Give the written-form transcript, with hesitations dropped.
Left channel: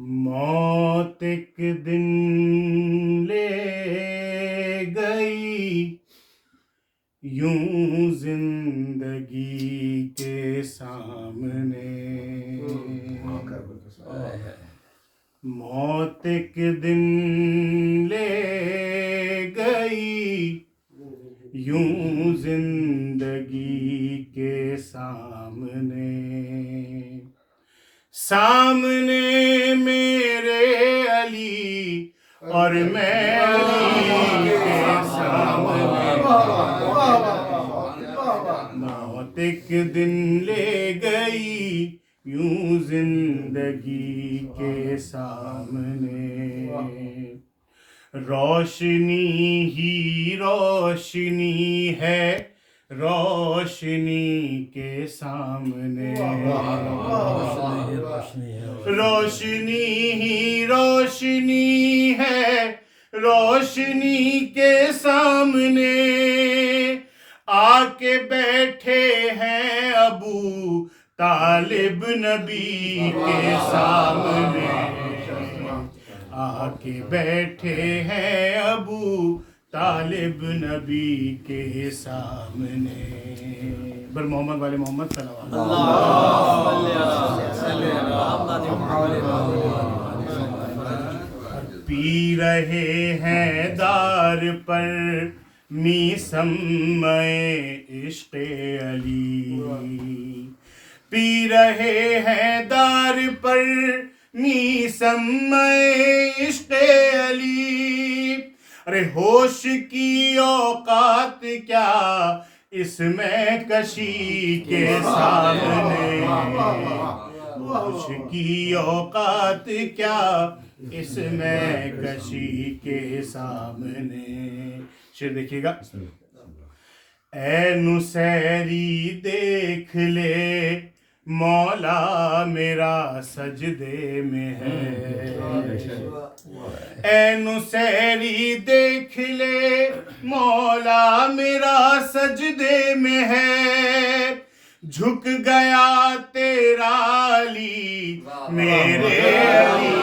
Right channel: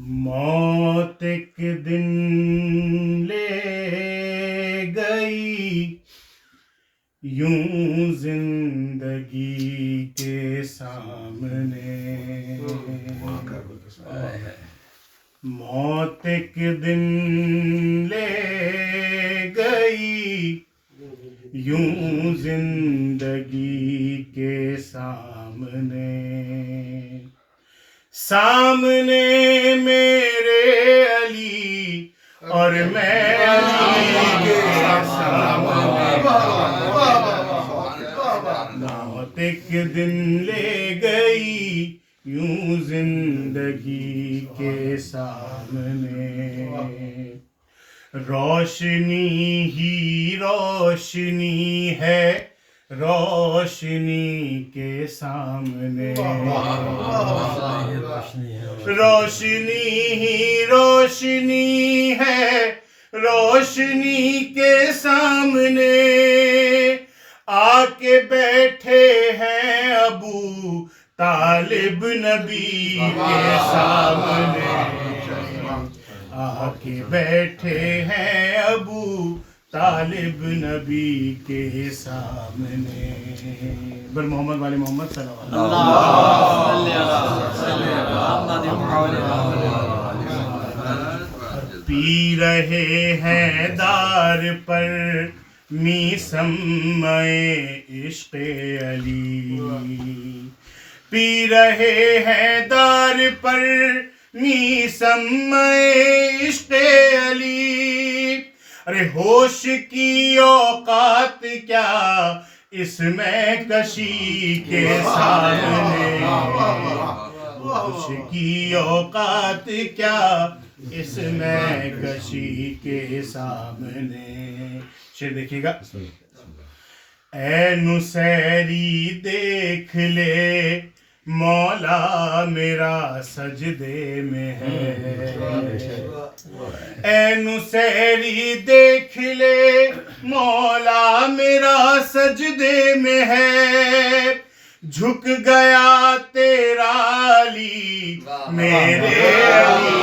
موت ایک دن لے گئی یوں زندگی کے سامنے، موت ایک دن لے گئی یوں زندگی کے سامنے، سامنے میرے علی اور میں علی کے سامنے، موت ایک دن لے گئی یوں زندگی کے سامنے، روشنی ہی روشنی ہے روشنی کے سامنے، روشنی ہی روشنی ہے روشنی کے سامنے، آ کے بیٹھے ہیں ابو طالب نبی کے سامنے، آ کے بیٹھے ہیں ابو طالب نبی کے سامنے، بر محمد والے محمد صلی اللہ علیہ وسلم، پی رہے ہیں دار پر میسمِ عشق علی، پی رہے ہیں دار پر میسمِ عشق علی، ارے ہوش کی اوقات کیا اس میں کشی کے سامنے، ہوش کی اوقات کیا اس میں کشی کے سامنے، شعر دیکھیے گا، اے نصیری دیکھ لے مولا میرا سجدے میں ہے، اے نصیری دیکھ لے مولا میرا سجدے میں ہے، جھک گیا تیرا علی میرے علی